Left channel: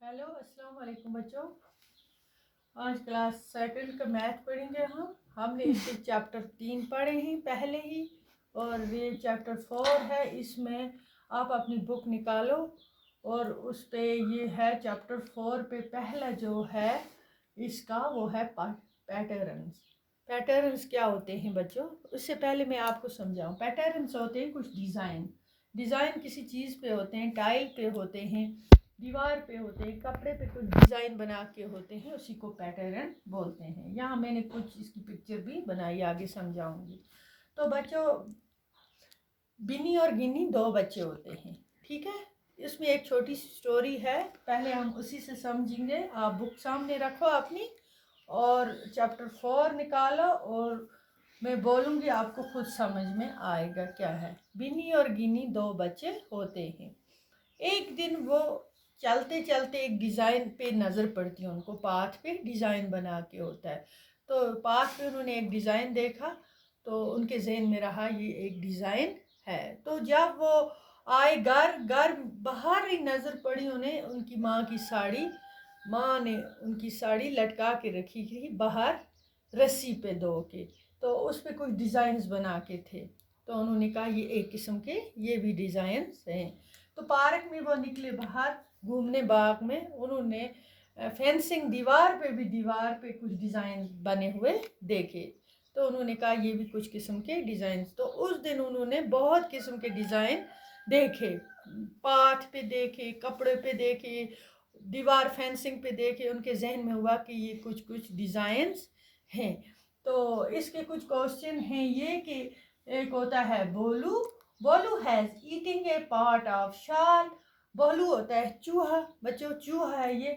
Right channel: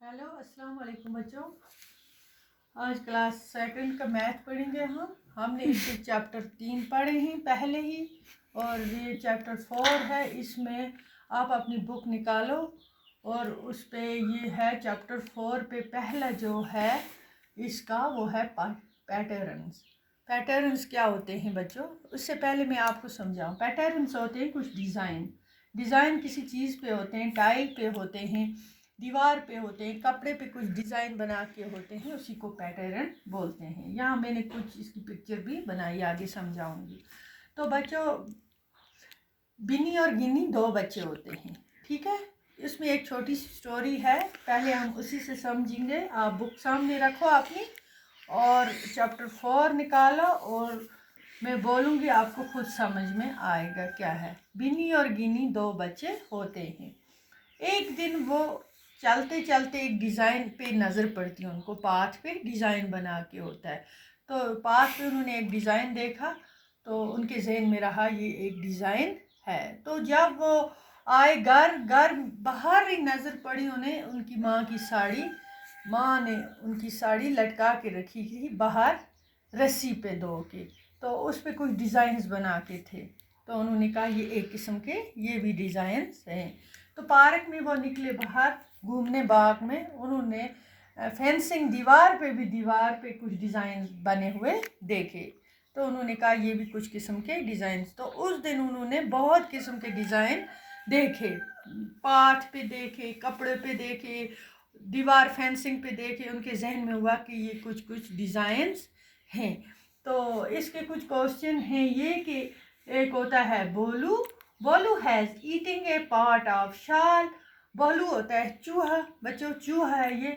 Hello अस्सलाम वालेकुम बच्चों। आज क्लास सेकंड का मैथ पढ़ेंगे हमने इसके चैप्टर 3 पढ़े हैं पहले ही, और ये चैप्टर 4 है। इसमें आप अपनी बुक निकालो और उस पे ये है चैप्टर 4 पे पहला जो है इसका वो है पैटर्न्स। पैटर्न्स क्या होते हैं बच्चों, उससे पहले मैं आपको समझाऊं। पैटर्न्स होते हैं कुछ डिज़ाइन। डिज़ाइन किसी चीज़ पे होते हैं, टाइल पे होते हैं, दीवार पे होते हैं, कपड़े पे कुछ डिज़ाइन बना के होते हैं, उसी को पैटर्न बोलते हैं। यहाँ मैंने कुछ इसकी पिक्चर भी बनाई, आगे समझाऊंगी। तो बच्चों, बिन्नी और गिन्नी दो बच्चे होते हैं, ठीक है। इसमें एक छोटी सी स्टोरी है, पहले हम उसी से समझेंगे। आप बुक सामने रखो अपनी और चैप्टर 4 निकालो और मैं बोलूँगी, आपको खुद समझ में आएगा क्या है। बिन्नी और गिन्नी दो बच्चे होते हैं। एक दिन वो चलते चलते एक डिज़ाइन पे नज़र पड़ती है उनको, पाथ पे डिज़ाइन बना के होता है। तो पाथ पे उन्होंने एक डिज़ाइन देखा तो उनके जहन में रहा ये एक डिज़ाइन है। तो जब वो आए घर बाहर ही नज़र पड़ी उन्हें उनकी माँ की साड़ी। माँ ने उनकी साड़ी लटका के रखी थी बाहर रस्सी पे दो के, तो उस पर कुछ डिज़ाइंस बना के थे। तो उन्होंने कहा ये एक किस्म के ये भी डिज़ाइंस हैं। तो पार्क में वो निकले बाहर घूमने, बाग में उन्होंने फेंसिंग दीवार पे कुछ डिज़ाइन बने हुए देखे। तो उन्होंने कहा ये भी कुछ किस्म के डिज़ाइन। तो उस दिन उन्होंने बहुत किस्म के डिज़ाइन देखे, पाथ पे देखे, कपड़े पे देखे, दीवार फेंसिंग पे देखे। उनके जहन में हुआ कि ये कुछ कुछ डिज़ाइंस हैं। तो इसके कुछ क्वेश्चन हैं ये कि एक होता है Bolu. Bolu has eating a part of shawl. Bolu होता है चूहा, बच्चों चूहा है ये।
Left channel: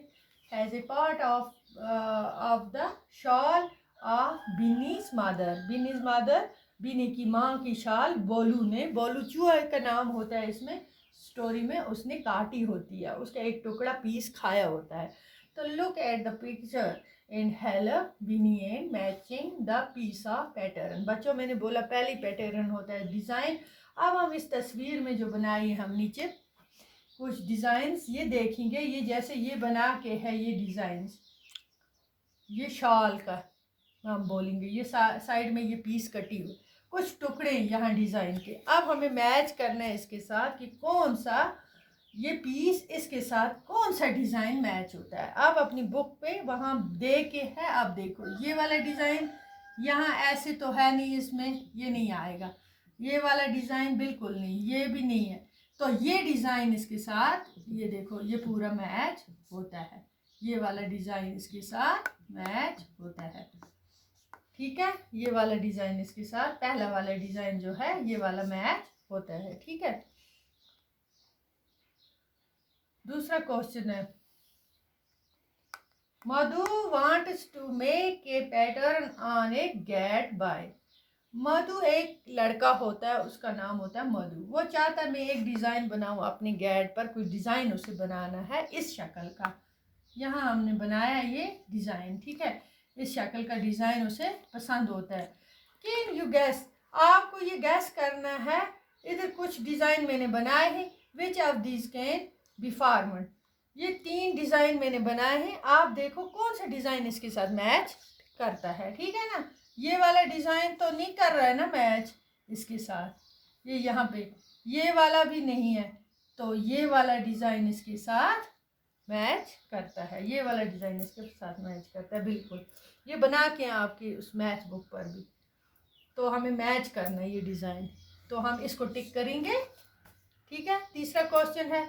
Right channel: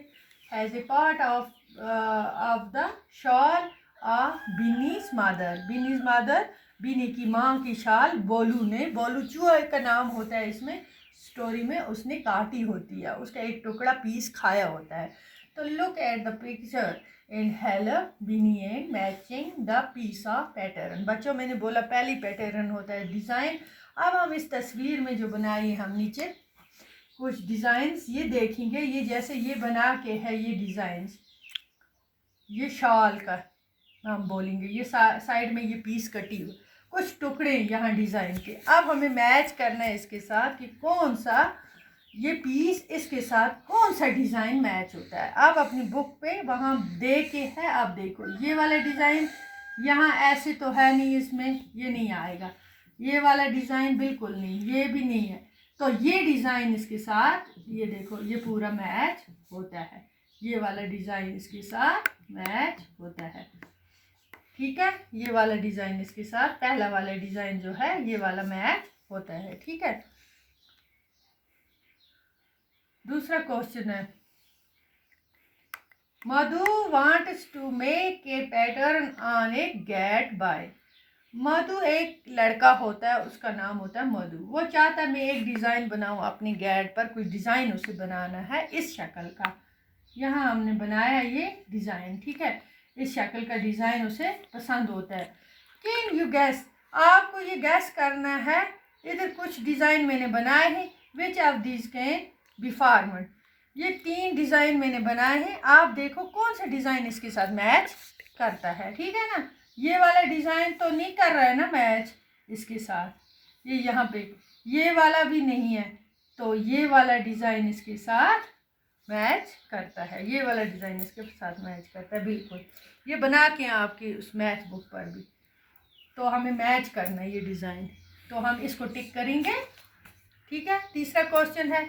Has a part of the shawl of Bini's mother. Bini's mother, Bini की माँ की शाल बोलू ने, बोलू चूहा का नाम होता है इसमें स्टोरी में, उसने काटी होती है, उसका एक टुकड़ा पीस खाया होता है। तो look at the picture and help Bini and matching the piece of pattern. बच्चों मैंने बोला पहली पैटर्न होता है डिज़ाइन। अब हम इस तस्वीर में जो बनाई है हम नीचे कुछ डिज़ाइंस ये देखेंगे। ये जैसे ये बना के है ये डिज़ाइंस, ये शॉल का हम बोलेंगे, ये साइड में ये पीस कटी हुई, कुछ टुकड़े यहाँ डिज़ाइन के। अब हमें मैच करना है इसके साथ कि कौन सा ये पीस इसके साथ कौन सा डिज़ाइन मैच होता है। अब अपनी बुक पे वहाँ दे के है, अब देखो ये वाला डिज़ाइन यहाँ ऐसे तो है नहीं, इसमें ये नहीं आएगा। ये वाला डिज़ाइन बिल्कुल नहीं, ये भी नहीं है। तो ये डिज़ाइन इसके साथ, ये देखो ये पूरा मैच होता है। ये वाला डिज़ाइन इसके साथ मैच होता है, ठीक है। ये वाला डिज़ाइन इसके साथ, पहला वाला डिज़ाइन जो है ये वाला मैच होता है, ठीक है। दूसरा क्वेश्चन है, Madhu wants to make a pattern on a gate by. Madhu एक लड़का होता है, उसका नाम होता है मधु। वो चाहता है मैं एक डिज़ाइन बनाऊं अपनी गेट पर, कोई डिज़ाइन उसे बनाना है इस शक्ल का। यहाँ हमने बनाया ये डिज़ाइन, ठीक है। इस शक्ल का डिज़ाइन उसे पसंद होता है। कैन यू गैस, आपको ये गैस करना है। इधर कुछ डिज़ाइन मैंने बनाए हैं, which of these can be formed. ये 3 डिज़ाइन मैंने बनाए हैं, आप देखो कौन सा डिज़ाइन इसके साथ मैच करता है, ठीक है ना। ये वाला डिज़ाइन तो नहीं कर रहा है ना मैच इसके साथ, ये यहाँ पे ये वाला भी नहीं है, तो ये वाला डिज़ाइन इसके साथ मैच करता है। ये वाला डिज़ाइन इसके साथ मैच करता है बिल्कुल। ये बना के आपकी उस मैथ बुक पर भी, तो हमें मैच करना है ये डिज़ाइन, तो हम इसको टिक करेंगे, ठीक है। तीसरा क्वेश्चन है,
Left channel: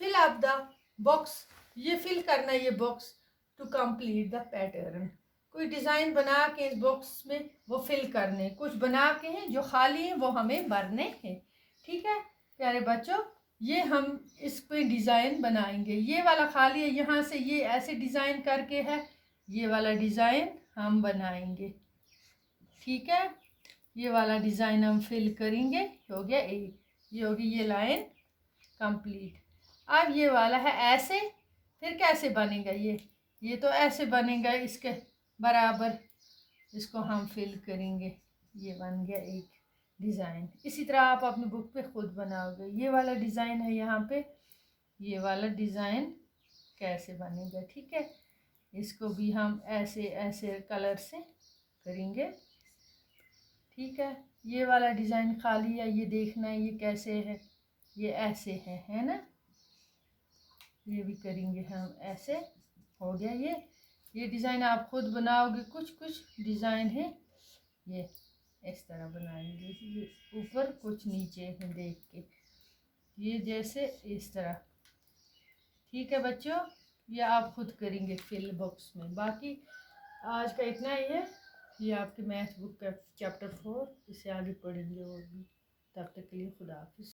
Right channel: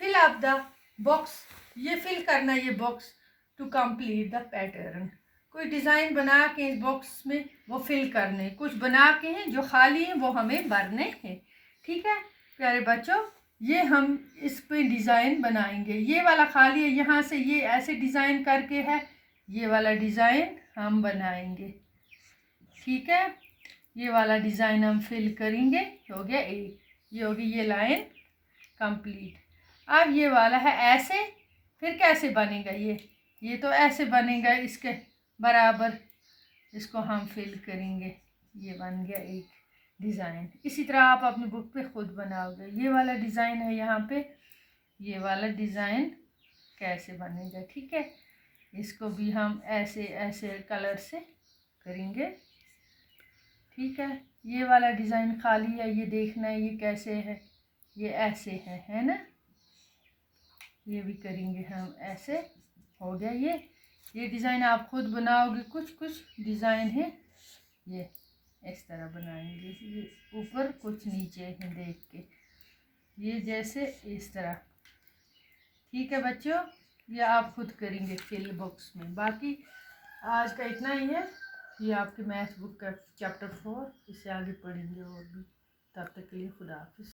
फिल अप द बॉक्स। ये फिल करना है ये box to complete the pattern. कोई डिज़ाइन बना के इस बॉक्स में वो फिल करने, कुछ बना के हैं जो खाली हैं वो हमें भरने हैं, ठीक है प्यारे बच्चों। ये हम इस पे डिज़ाइन बनाएंगे। ये वाला खाली है, यहाँ से ये ऐसे डिज़ाइन करके है, ये वाला डिज़ाइन हम बनाएंगे, ठीक है। ये वाला डिज़ाइन हम फिल करेंगे, हो गया एक, ये होगी ये लाइन कंप्लीट। अब ये वाला है ऐसे, फिर कैसे बनेगा ये तो ऐसे बनेगा इसके बराबर, इसको हम फिल करेंगे, ये बन गया एक डिज़ाइन। इसी तरह आप अपनी बुक पे खुद बनाओगे। ये वाला डिज़ाइन है यहाँ पे, ये वाला डिज़ाइन कैसे बनेगा। ठीक है, इसको भी हम ऐसे ऐसे कलर से करेंगे। ठीक है, ये वाला डिज़ाइन खाली है, ये देखना है ये कैसे है, ये ऐसे है ना। ये भी करेंगे हम ऐसे। हो गया ये डिज़ाइन आप खुद बनाओगे। कुछ कुछ डिज़ाइन है ये इस तरह बनाएंगे, ये ऊपर कुछ नीचे है देख के, ये जैसे इस तरह। ठीक है बच्चों, ये आप खुद करेंगे फिल बॉक्स में। बाकी आज का इतना ही है। ये आपके मैथ बुक का चैप्टर 4, इससे आगे पढ़ेंगे और भी। तब तक के लिए खुदा हाफिज़।